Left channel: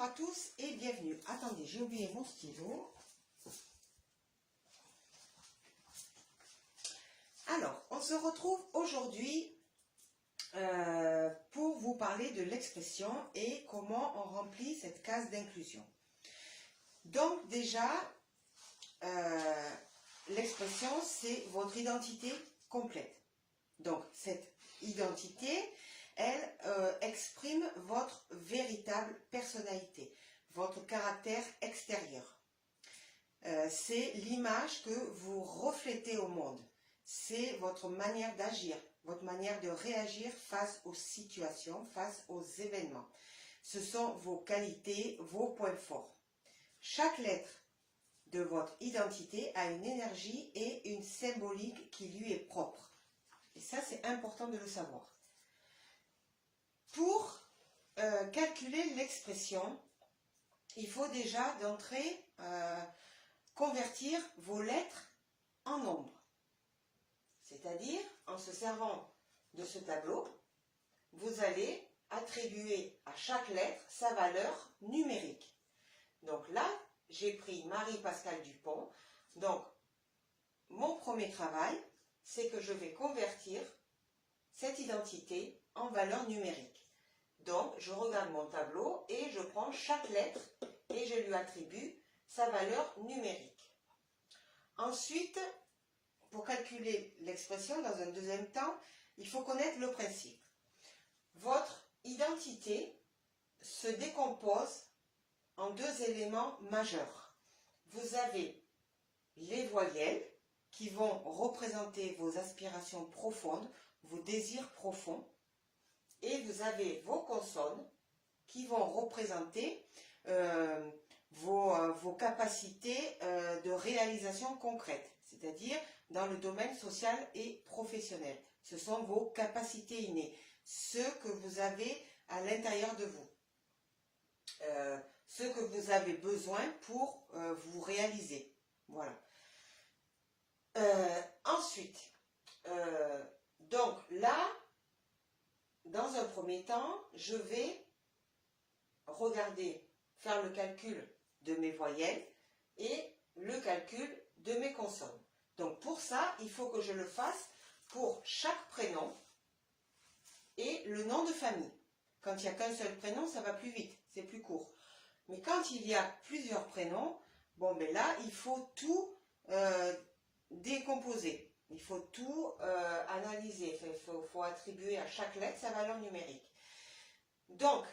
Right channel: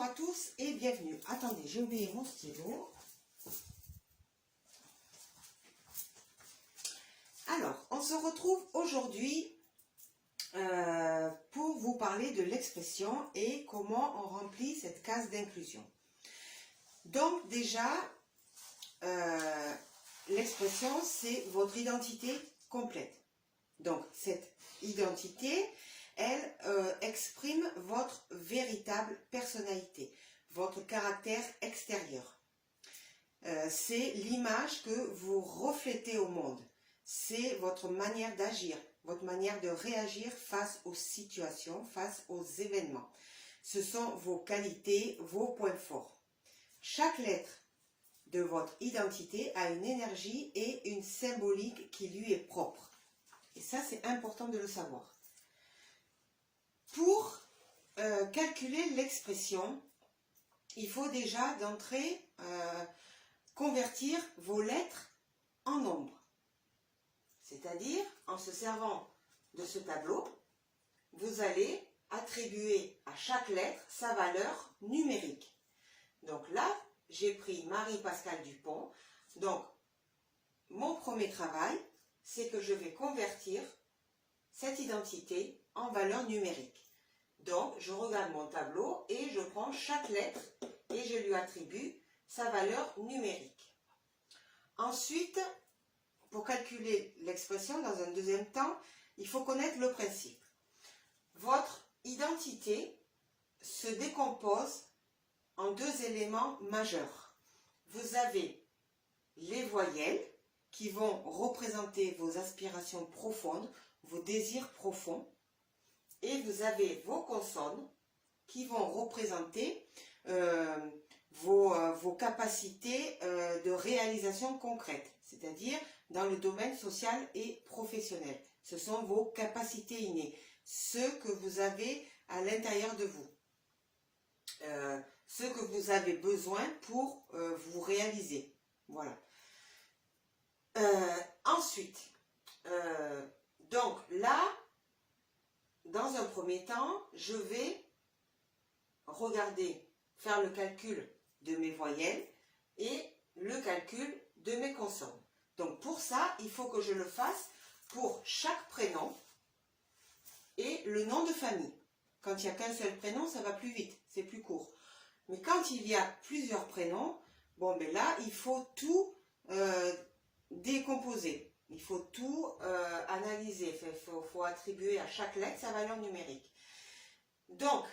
Bonjour à tous et bienvenue. Attendez, j'ai oublié mon stylo. Alors, on se retrouve aujourd'hui pour vous parler de l'expression et comment on remplit cette case d'inclusion. Donc déjà, l'expression, c'est votre identité complète. Donc, cette identité, elle exprime votre véritable personnalité, votre caractère extérieur. C'est l'image que vous reflétez au monde. C'est votre manière d'agir, votre manière de réagir face aux situations, face aux événements. Ce sont vos qualités, vos points forts. Chaque lettre de votre identité a une énergie et une symbolique qui lui est propre. Et ça, c'est important de le savoir. Pour calculer l'expression, il faut déjà d'entrée convertir vos lettres en nombres. C'est-à-dire, en se servant de ce tableau, vous allez attribuer à chaque lettre sa valeur numérique. Donc là, j'ai pris Marie-Pascale Dupont. Donc, mon premier travail, c'est que je vais convertir cette identité en valeur numérique. Donc, je regarde mon tableau et je prends chaque lettre et je lui attribue sa valeur numérique. Ensuite, pour calculer l'expression dans un deuxième temps, il faut connaître le principe. Votre identité se décompose en deux éléments majeurs. Vous avez les voyelles qui vont représenter vos aspirations profondes, vos désirs profonds, et vous avez vos consonnes qui vont représenter vos capacités de réalisation concrète, c'est-à-dire dans le domaine social et professionnel. Ce sont vos capacités innées, ce que vous avez à l'intérieur de vous, ce que vous avez besoin pour vous réaliser. Voilà. Ensuite, donc là, dans un premier temps, je vais regarder, faire le calcul de mes voyelles et le calcul de mes consonnes. Donc pour ça, il faut que je le fasse pour chaque prénom et le nom de famille. Quand il n'y a qu'un seul prénom, ça va plus vite, c'est plus court. Mais quand il y a plusieurs prénoms, bon ben là, il faut tout décomposer. Il faut tout analyser. Il faut attribuer à chaque lettre sa valeur numérique. Donc,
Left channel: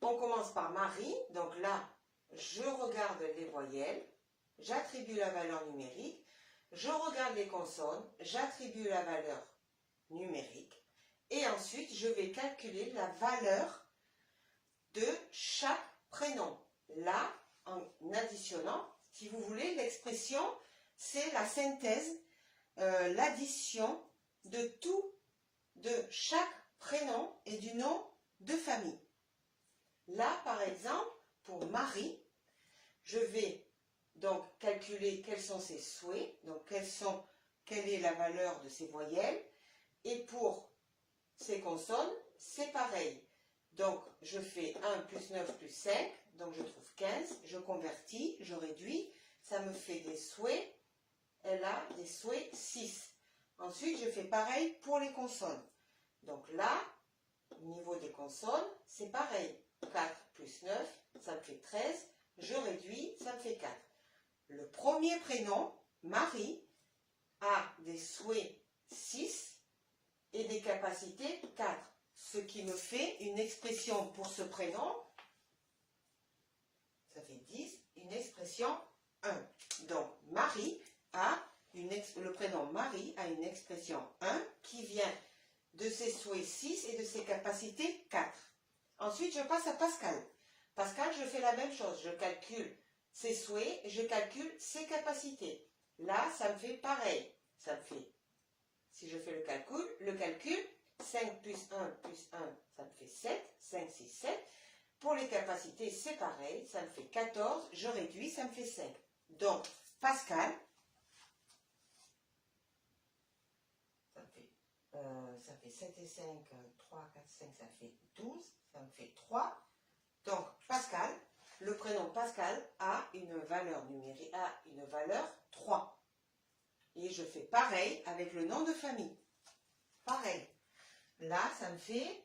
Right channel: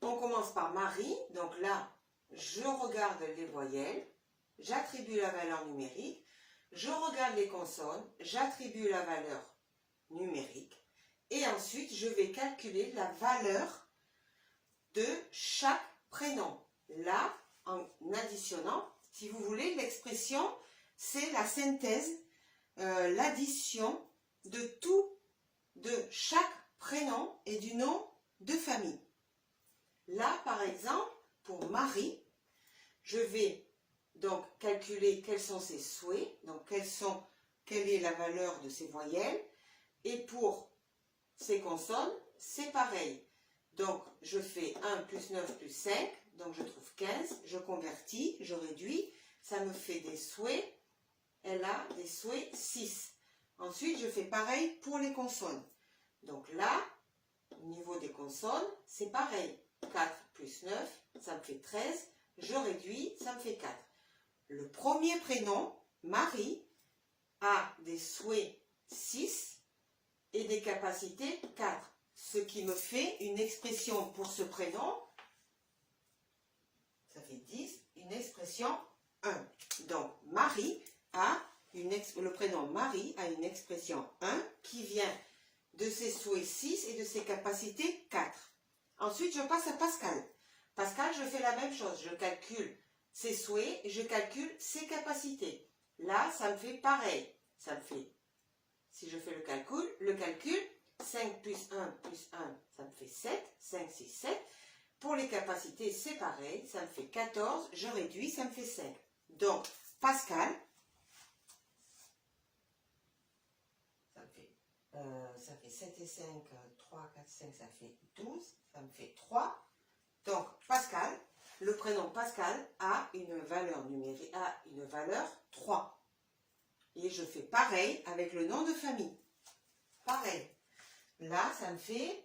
on commence par Marie. Donc là, je regarde les voyelles. J'attribue la valeur numérique. Je regarde les consonnes. J'attribue la valeur numérique. Et ensuite, je vais calculer la valeur de chaque prénom. Là, en additionnant, si vous voulez, l'expression, c'est la synthèse, l'addition de chaque prénom et du nom de famille. Là, par exemple, pour Marie, je vais donc calculer quels sont ses souhaits, donc quelle est la valeur de ses voyelles, et pour ses consonnes, c'est pareil. Donc, je fais 1 plus 9 plus 5, donc je trouve 15, je convertis, je réduis, ça me fait des souhaits, elle a des souhaits 6. Ensuite, je fais pareil pour les consonnes. Donc là, au niveau des consonnes, c'est pareil. 4 plus 9, ça me fait 13, je réduis, ça me fait 4. Le premier prénom, Marie, a des souhaits 6 et des capacités 4. Ce qui me fait une expression pour ce prénom, ça fait 10, une expression 1. Donc, Marie le prénom Marie a une expression 1 qui vient de ses souhaits 6 et de ses capacités 4. Ensuite, je passe à Pascal. Pascal, je fais la même chose. Je calcule ses souhaits et je calcule ses capacités. Là, ça me fait pareil. Ça me fait, si je fais le calcul, 5 plus 1 plus 1, ça me fait 7. 5, 6, 7. Pour les capacités, c'est pareil. Ça me fait 14. Je réduis, ça me fait 5. Donc, Pascal, ça fait 7 et 5, 3, 4, 5, ça fait 12. Ça me fait 3. Donc, Pascal, le prénom Pascal a une valeur numérique, a une valeur 3. Et je fais pareil avec le nom de famille. Pareil. Là, ça me fait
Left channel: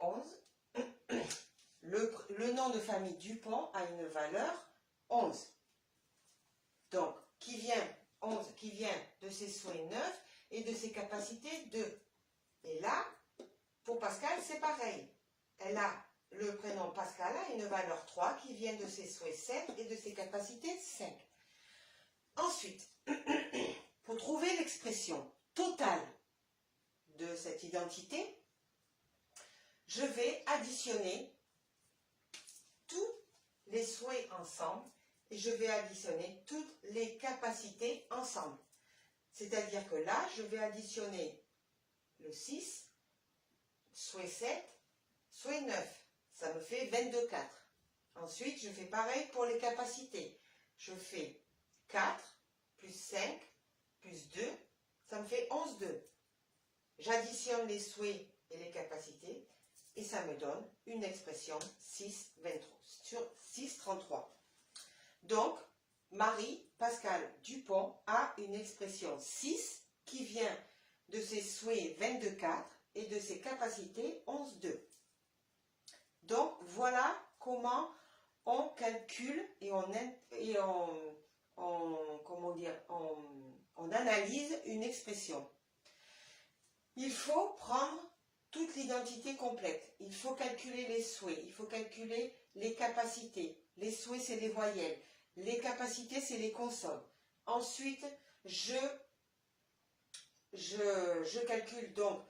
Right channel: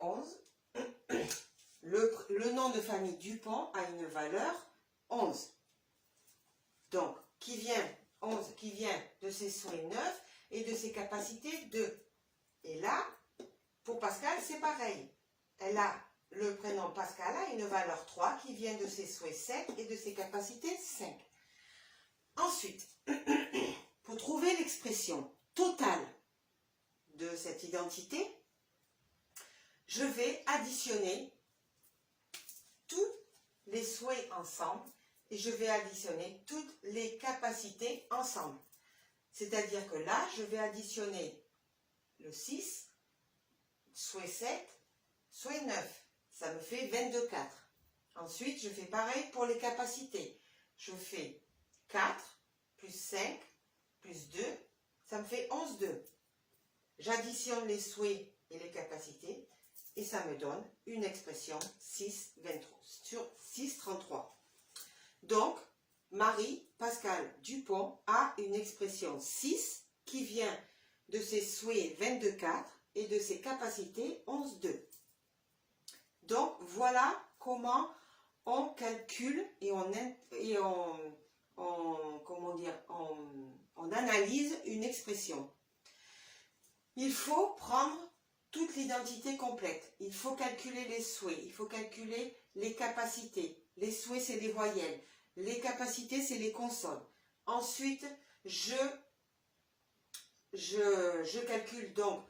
11. Le nom de famille Dupont a une valeur 11. Donc, 11 qui vient de ses souhaits 9 et de ses capacités 2. Et là, pour Pascal, c'est pareil. Le prénom Pascal a une valeur 3 qui vient de ses souhaits 7 et de ses capacités 5. Ensuite, pour trouver l'expression totale de cette identité, je vais additionner tous les souhaits ensemble et je vais additionner toutes les capacités ensemble. C'est-à-dire que là, je vais additionner le 6, souhait 7, souhait 9. Ça me fait 22,4. Ensuite, je fais pareil pour les capacités. Je fais 4 plus 5 plus 2, ça me fait 11,2. J'additionne les souhaits et les capacités et ça me donne une expression 6,23 sur 6,33. Donc, Marie-Pascal Dupont a une expression 6 qui vient de ses souhaits 22,4 et de ses capacités 11,2. Donc, voilà comment on calcule et on analyse une expression. Il faut prendre toute l'identité complète. Il faut calculer les souhaits, il faut calculer les capacités. Les souhaits, c'est les voyelles. Les capacités, c'est les consonnes. Ensuite, je calcule donc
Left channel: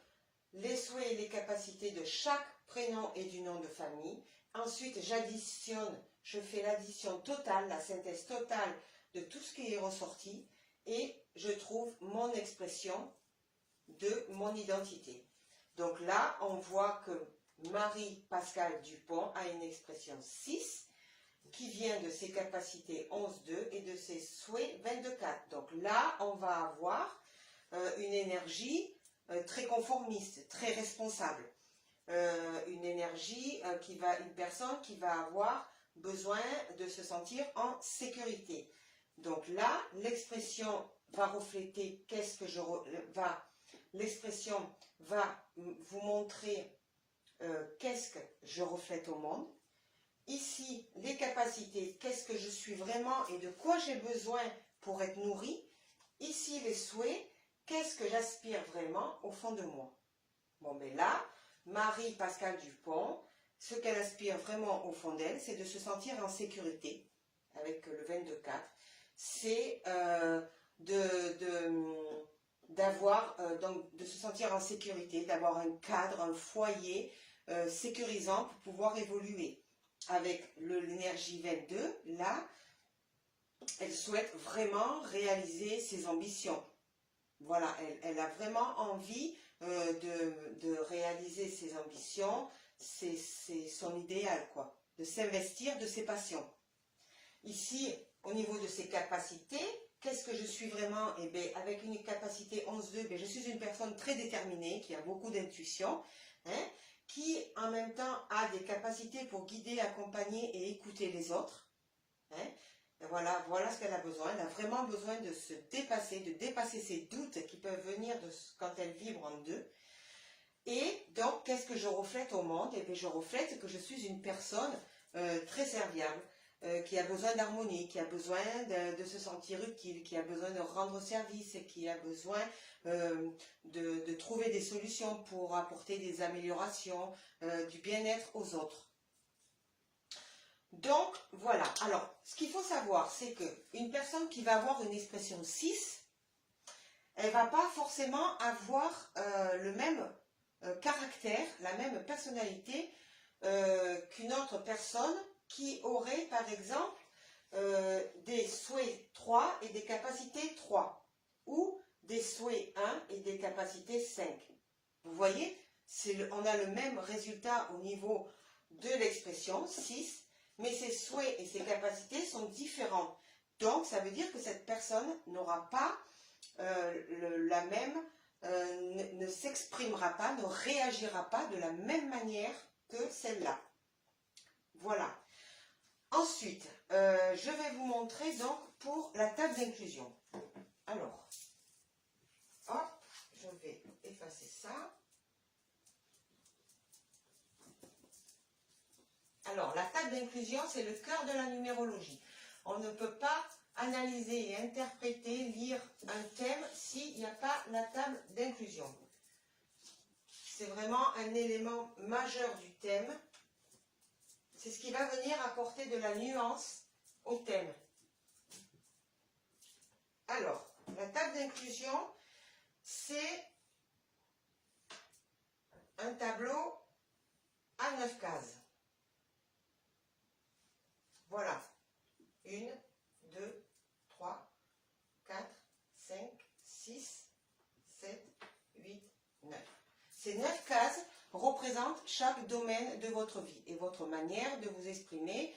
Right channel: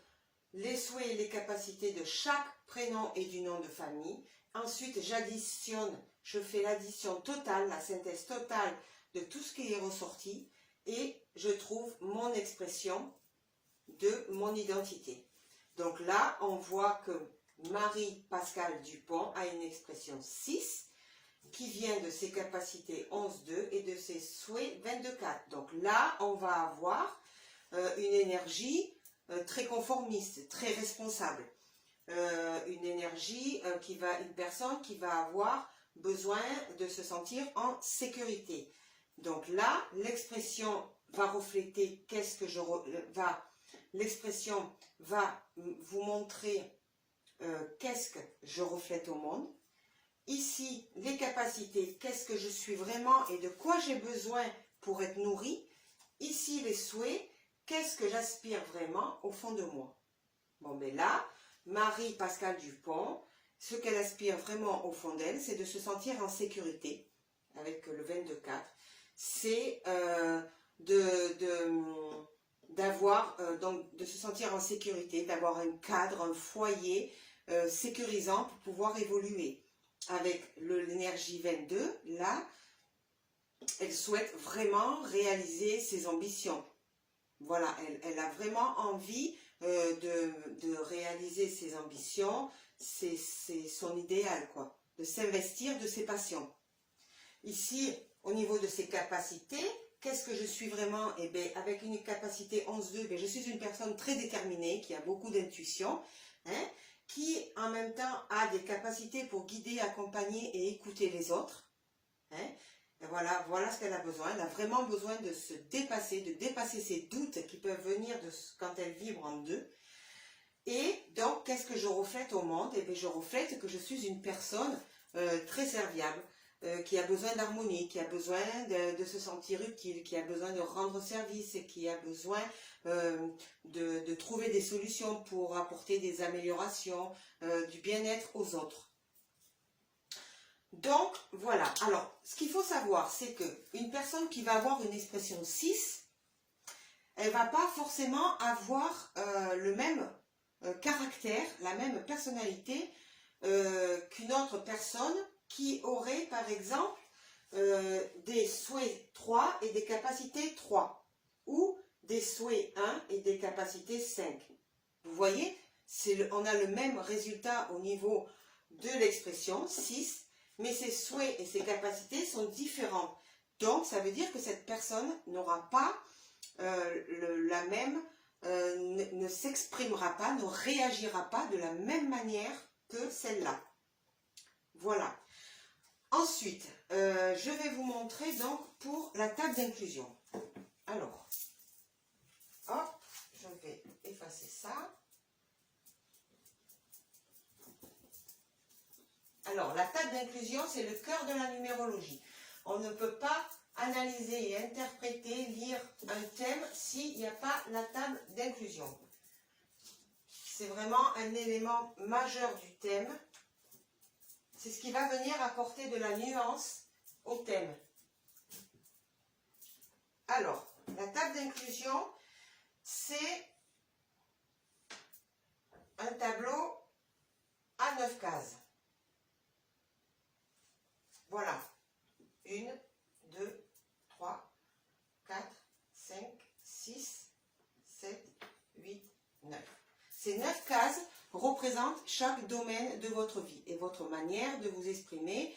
les souhaits et les capacités de chaque prénom et du nom de famille. Ensuite, j'additionne, je fais l'addition totale, la synthèse totale de tout ce qui est ressorti et je trouve mon expression de mon identité. Donc là, on voit que Marie-Pascal Dupont a une expression 6 qui vient de ses capacités 11,2 et de ses souhaits 22,4. Donc là, on va avoir une énergie très conformiste, très responsable. Une énergie une personne qui va avoir besoin de se sentir en sécurité. Donc là, l'expression va refléter l'expression va vous montrer qu'est-ce que je reflète au monde. Ici, les capacités, qu'est-ce que je suis vraiment et de quoi j'ai besoin pour être nourri. Ici, les souhaits, qu'est-ce que j'aspire vraiment au fond de moi. Bon, ben là, Marie-Pascal Dupont, ce qu'elle aspire vraiment au fond d'elle, c'est de se sentir en sécurité, avec le 22,4. C'est de se sentir en sécurité, d'avoir un cadre, un foyer sécurisant pour pouvoir évoluer. Avec l'énergie 22, là, elle souhaite vraiment réaliser ses ambitions. Voilà, elle a vraiment envie de réaliser ses ambitions, c'est son idéal, quoi, de s'investir de ses passions. Ici, au niveau de ses capacités, qu'est-ce que je suis vraiment? Eh bien, avec une capacité 11,2, je suis une personne très déterminée, qui a beaucoup d'intuition, hein, qui en même temps a des capacités pour guider, accompagner et écouter les autres. Hein. Voilà ce qu'elle a besoin. Elle a vraiment besoin de se dépasser, de dépasser ses doutes qui peuvent venir quand elle vibre en deux. Et donc, qu'est-ce que je reflète au monde? Eh bien, je reflète que je suis une personne très serviable, qui a besoin d'harmonie, qui a besoin de se sentir utile, qui a besoin de rendre service, qui a besoin de trouver des solutions pour apporter des améliorations, du bien-être aux autres. Donc, voilà. Alors, ce qu'il faut savoir, c'est qu'une personne qui va avoir une expression 6, elle ne va pas forcément avoir le même caractère, la même personnalité qu'une autre personne qui aurait, par exemple, des souhaits 3 et des capacités 3, ou des souhaits 1 et des capacités 5. Vous voyez, on a le même résultat au niveau de l'expression 6, mais ses souhaits et ses capacités sont différents. Donc, ça veut dire que cette personne n'aura pas la même, ne s'exprimera pas, ne réagira pas de la même manière que celle-là. Voilà. Ensuite, je vais vous montrer donc pour la table d'inclusion. Alors, hop, je vais effacer ça. Alors, la table d'inclusion, c'est le cœur de la numérologie. On ne peut pas analyser et interpréter, lire un thème s'il n'y a pas la table d'inclusion. C'est vraiment un élément majeur du thème. C'est ce qui va venir apporter de la nuance au thème. Alors, la table d'inclusion, c'est un tableau à 9 cases. Voilà. 1, 2, 3, 4, 5, 6, 7, 8, 9. Ces 9 cases représentent chaque domaine de votre vie et votre manière de vous exprimer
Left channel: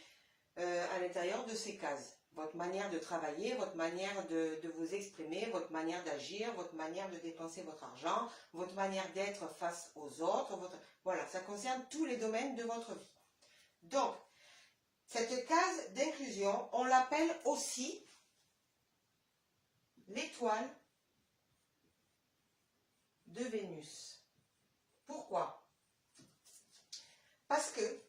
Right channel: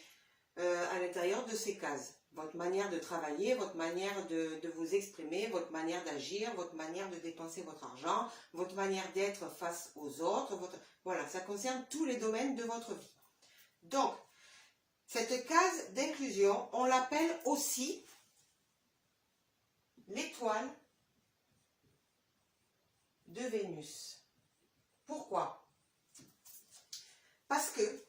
à l'intérieur de ces cases. Votre manière de travailler, votre manière de vous exprimer, votre manière d'agir, votre manière de dépenser votre argent, votre manière d'être face aux autres. Voilà, ça concerne tous les domaines de votre vie. Donc, cette case d'inclusion, on l'appelle aussi l'étoile de Vénus. Pourquoi? Parce que,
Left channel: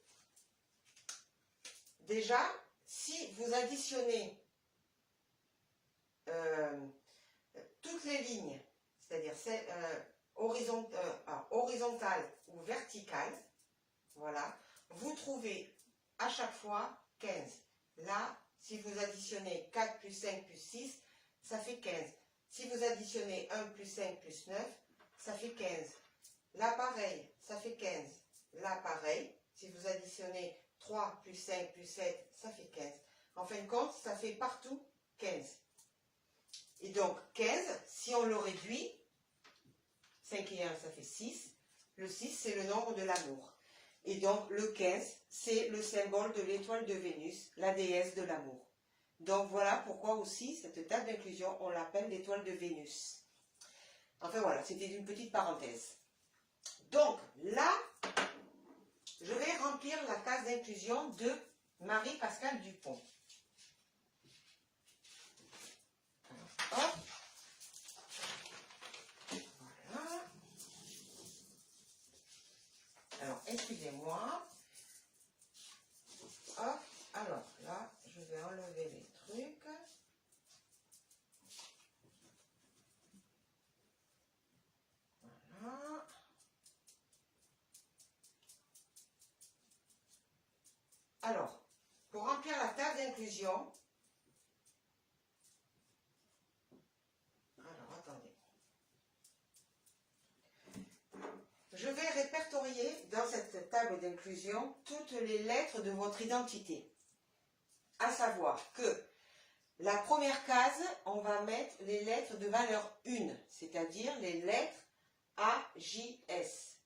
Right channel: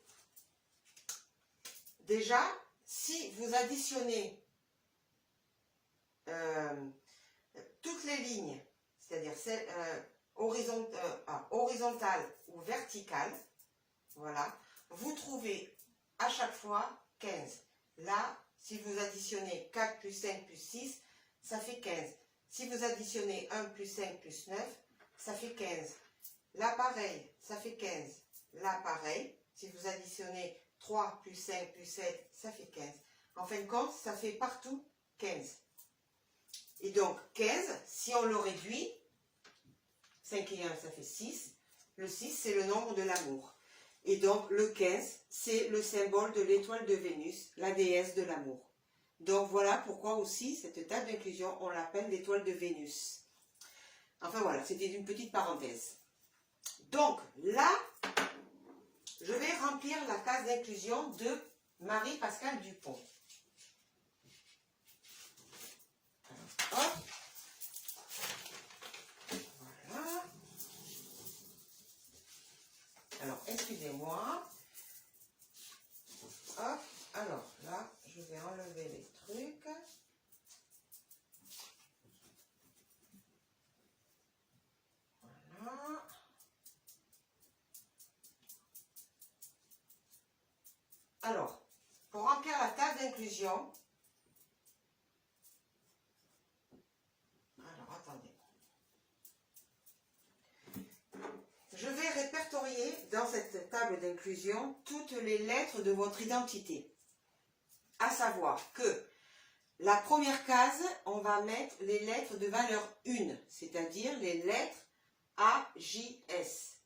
déjà, si vous additionnez toutes les lignes, c'est-à-dire horizontales ou verticales, voilà, vous trouvez à chaque fois 15. Là, si vous additionnez 4 plus 5 plus 6, ça fait 15. Si vous additionnez 1 plus 5 plus 9, ça fait 15. Là, pareil, ça fait 15. Là, pareil, si vous additionnez 3 plus 5 plus 7, ça fait 15. En fin de compte, ça fait partout 15. Et donc, 15, si on le réduit, 5 et 1, ça fait 6. Le 6, c'est le nombre de l'amour. Et donc, le 15, c'est le symbole de l'étoile de Vénus, la déesse de l'amour. Donc, voilà pourquoi aussi, cette table d'inclusion, on l'appelle l'étoile de Vénus. Enfin, voilà, c'était une petite parenthèse. Donc, là, je vais remplir la case d'inclusion de Marie-Pascale Dupont. Alors, hop. Voilà. Alors, excusez-moi. Hop. Alors, là, je vais enlever les trucs. Voilà. Alors, pour remplir la table d'inclusion, alors attendez, je vais répertorier dans cette table d'inclusion toutes les lettres de votre identité. À savoir que la première case, on va mettre les lettres de valeur 1, c'est-à-dire les lettres A, J, S.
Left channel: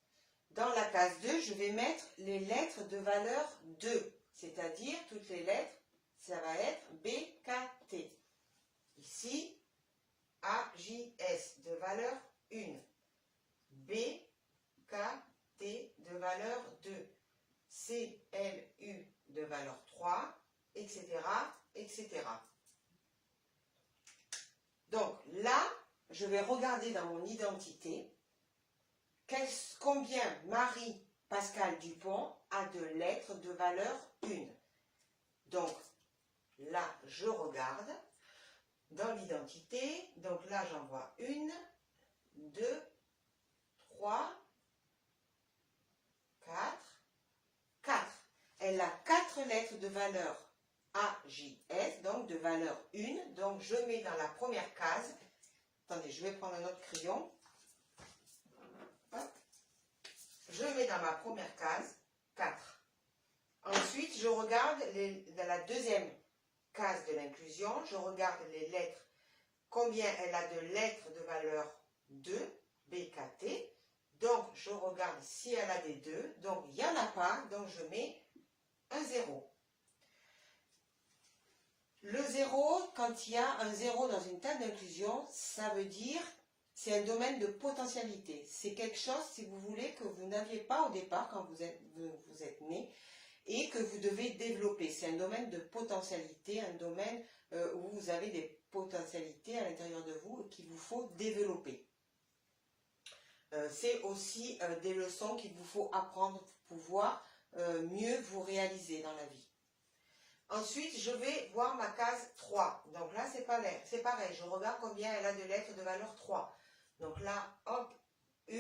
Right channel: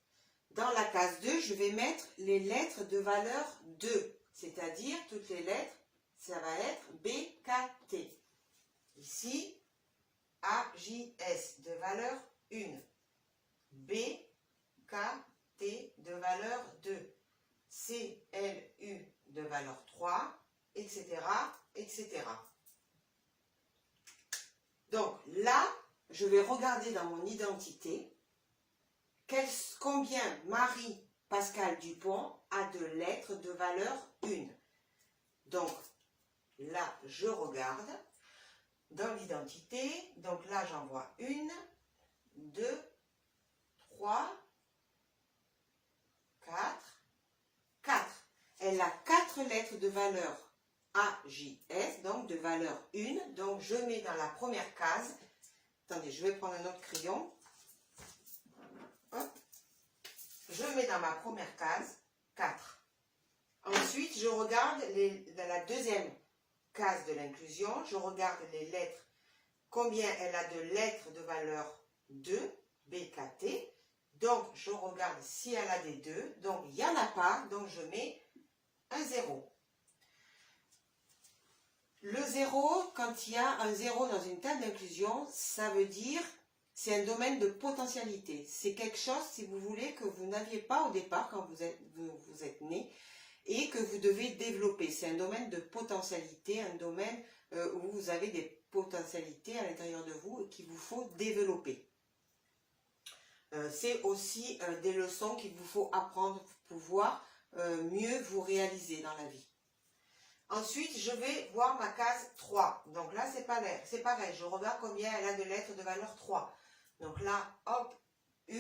Dans la case 2, je vais mettre les lettres de valeur 2, c'est-à-dire toutes les lettres, ça va être B, K, T. Ici, A, J, S de valeur 1, B, K, T de valeur 2, C, L, U de valeur 3, etc., etc. Donc là, je vais regarder dans mon identité combien Marie-Pascale Dupont a de lettres de valeur 1. Donc là, je regarde dans l'identité. Donc là, j'en vois 1, 2, 3, 4. Elle a 4 lettres de valeur A, J, S, donc de valeur 1. Donc je mets dans la première case. Attendez, je vais prendre un autre crayon. Hop. Je mets dans ma première case 4. Ensuite, je regarde dans la deuxième case de l'inclusion, je regarde les lettres, combien elle a de lettres de valeur 2, B, K, T. Donc, je regarde si elle a des 2. Donc, il n'y en a pas. Donc, je mets un 0. Le 0, quand il y a un 0 dans une table d'inclusion, ça veut dire c'est un domaine de potentialité. C'est quelque chose, si vous voulez, que vous n'aviez pas au départ quand vous êtes né et que vous devez développer. C'est un domaine de potentialité, un domaine où vous avez des potentialités à l'intérieur de vous et qu'il vous faut développer. C'est aussi des leçons qu'il vous faut apprendre pour pouvoir mieux vous réaliser dans la vie. Ensuite, je vais voir ma case 3. Donc là, c'est pareil. Je regarde combien elle a de lettres de valeur 3. Donc là, hop, 1,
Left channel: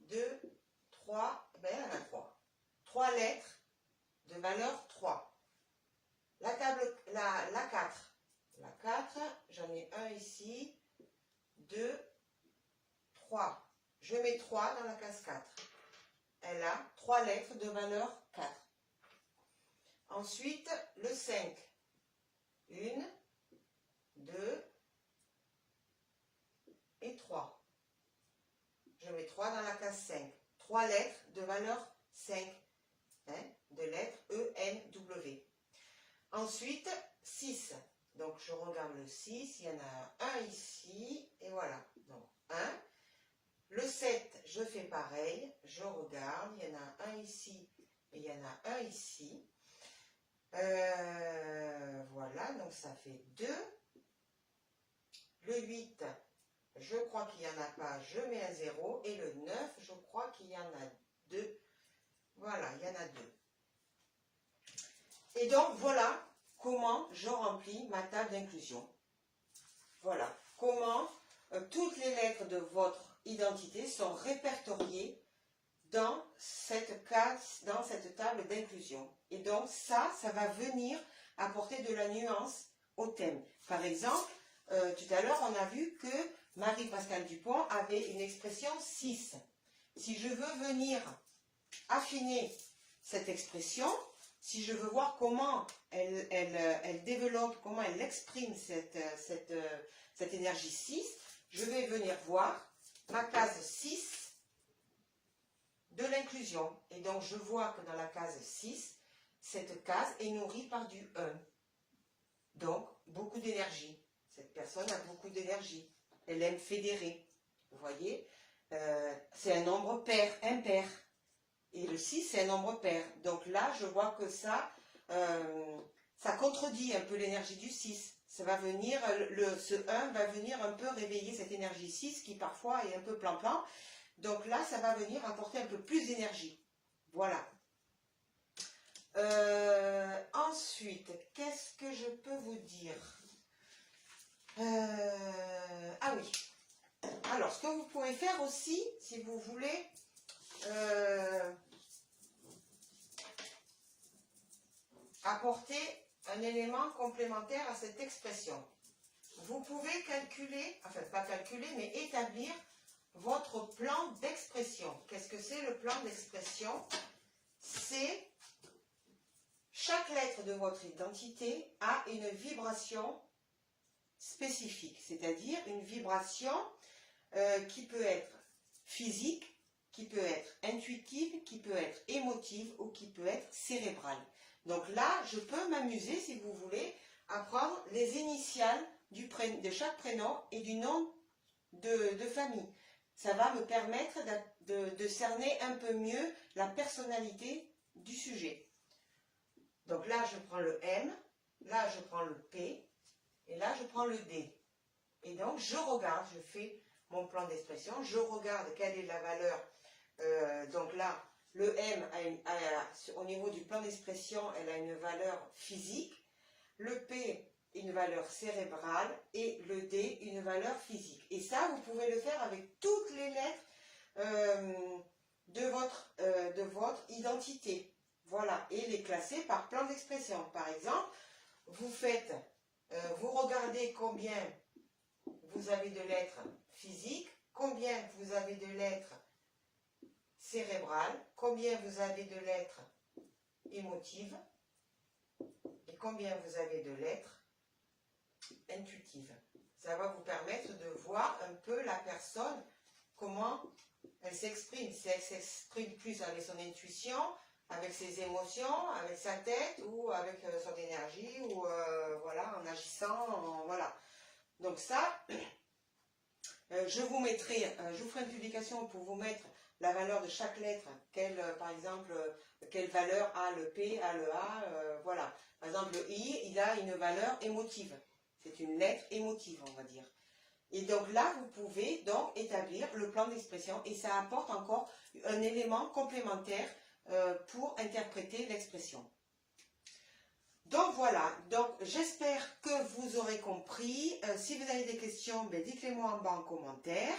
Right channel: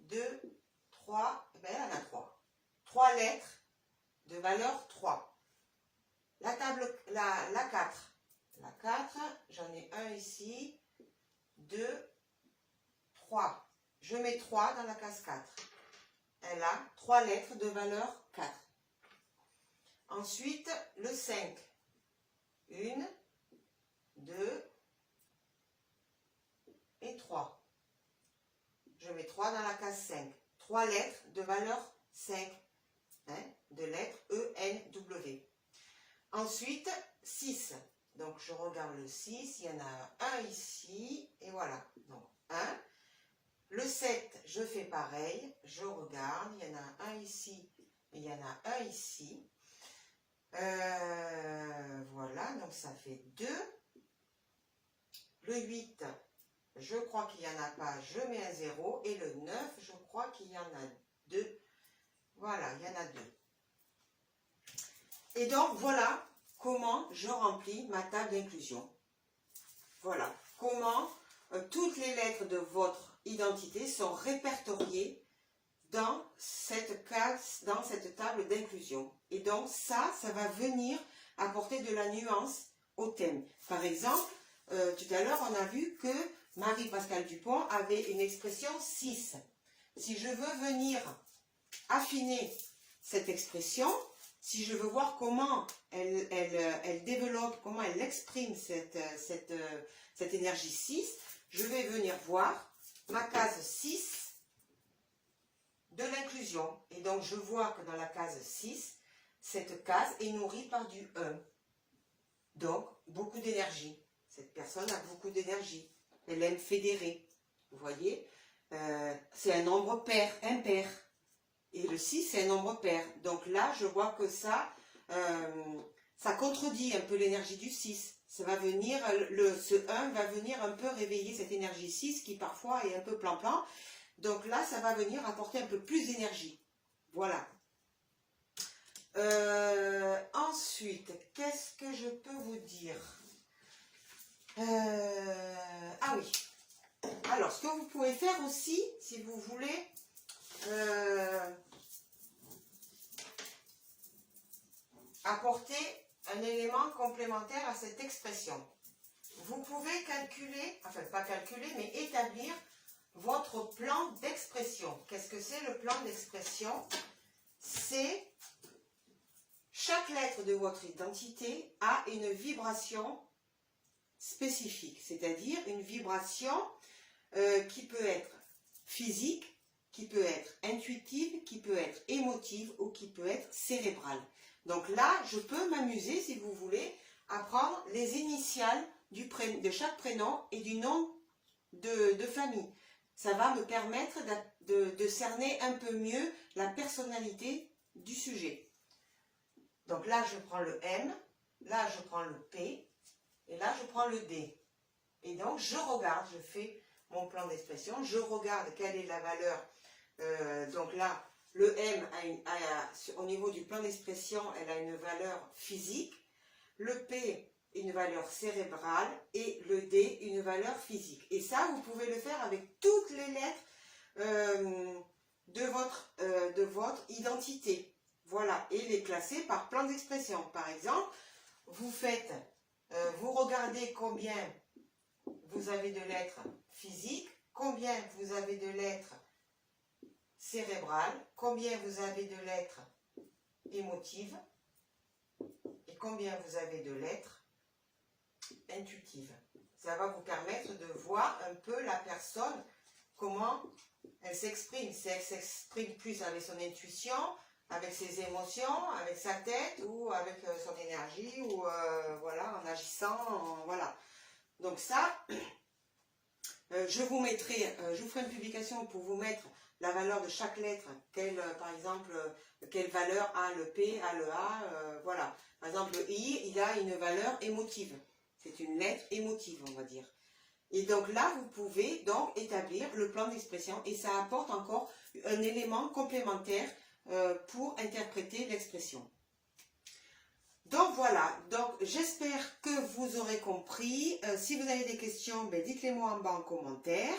2, 3, ben elle en a 3. 3 lettres de valeur 3. La 4. La 4, j'en ai un ici, 2, 3. Je mets 3 dans la case 4. Elle a 3 lettres de valeur 4. Ensuite, le 5. 1, 2 et 3. Je mets 3 dans la case 5. 3 lettres de valeur 5. Hein, de lettres E, N, W. Ensuite, 6. Donc, je regarde le 6. Il y en a un ici. Et voilà. Donc, 1. Le 7, je fais pareil. Je regarde. Il y en a un ici. Et il y en a un ici. Voilà, donc ça fait 2. Le 8, je crois qu'il n'y en a pas, je mets un 0. Et le 9, je crois qu'il y en a 2. Voilà, il y en a 2. Et donc, voilà comment je remplis ma table d'inclusion. Voilà, comment toutes les lettres de votre identité sont répertoriées dans cette case, dans cette table d'inclusion. Et donc ça va venir apporter de la nuance au thème. Par exemple, tout à l'heure, on a vu que Marie-Pascale Dupont avait une expression 6. Si je veux venir affiner cette expression, si je veux voir comment elle développe, comment elle exprime cette énergie 6, je vais venir voir ma case 6 de l'inclusion. Et donc, je vois que dans la case 6, cette case est nourrie par du 1. Donc, beaucoup d'énergie. Cette personne a beaucoup d'énergie. Elle aime fédérer. Vous voyez, c'est un nombre pair, impair. Et le 6, c'est un nombre pair. Donc là, je vois que ça contredit un peu l'énergie du 6. Ça va venir, ce 1 va venir un peu réveiller cette énergie 6 qui parfois est un peu plan-plan. Donc là, ça va venir apporter un peu plus d'énergie. Voilà. Ensuite, qu'est-ce que je peux vous dire? Ah oui. Alors, ce que vous pouvez faire aussi, si vous voulez, apporter un élément complémentaire à cette expression. Vous pouvez calculer, enfin pas calculer, mais établir votre plan d'expression. Qu'est-ce que c'est le plan d'expression? C'est chaque lettre de votre identité a une vibration spécifique, c'est-à-dire une vibration qui peut être physique, qui peut être intuitive, qui peut être émotive ou qui peut être cérébrale. Donc là, je peux m'amuser, si vous voulez, à prendre les initiales de chaque prénom et du nom de famille. Ça va me permettre de cerner un peu mieux la personnalité du sujet. Donc là, je prends le M, là, je prends le P, et là, je prends le D. Et donc, je regarde, je fais mon plan d'expression, je regarde quelle est la valeur. Donc là, le M, au niveau du plan d'expression, elle a une valeur physique. Le P, une valeur cérébrale. Et le D, une valeur physique. Et ça, vous pouvez le faire avec toutes les lettres de votre identité. Voilà. Et les classer par plan d'expression. Par exemple, vous regardez combien vous avez de lettres physiques, combien vous avez de lettres cérébrales, combien vous avez de lettres émotives et combien vous avez de lettres intuitives. Ça va vous permettre de voir un peu la personne, comment elle s'exprime. Si elle s'exprime plus avec son intuition, avec ses émotions, avec sa tête ou avec son énergie ou voilà, en agissant, voilà. Donc ça, Je vous ferai une publication pour vous mettre la valeur de chaque lettre, par exemple, quelle valeur a le P, a le A, voilà. Par exemple, le I, il a une valeur émotive. C'est une lettre émotive, on va dire. Et donc là, vous pouvez donc établir le plan d'expression et ça apporte encore un élément complémentaire pour interpréter l'expression. Donc voilà, donc j'espère que vous aurez compris. Si vous avez des questions, ben, dites-les-moi en bas en commentaire.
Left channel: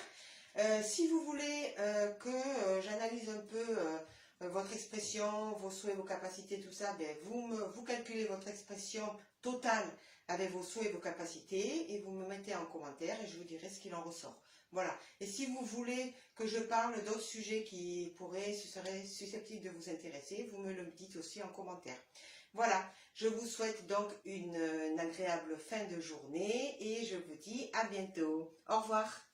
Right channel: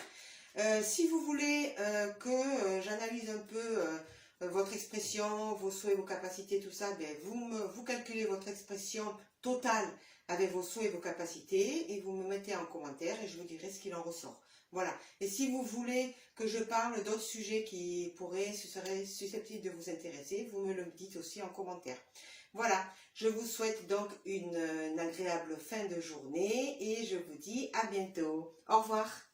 Si vous voulez que j'analyse un peu votre expression, vos souhaits, vos capacités, tout ça, ben, vous calculez votre expression totale avec vos souhaits et vos capacités et vous me mettez en commentaire et je vous dirai ce qu'il en ressort. Voilà. Et si vous voulez que je parle d'autres sujets qui seraient susceptibles de vous intéresser, vous me le dites aussi en commentaire. Voilà, je vous souhaite donc une agréable fin de journée et je vous dis à bientôt. Au revoir.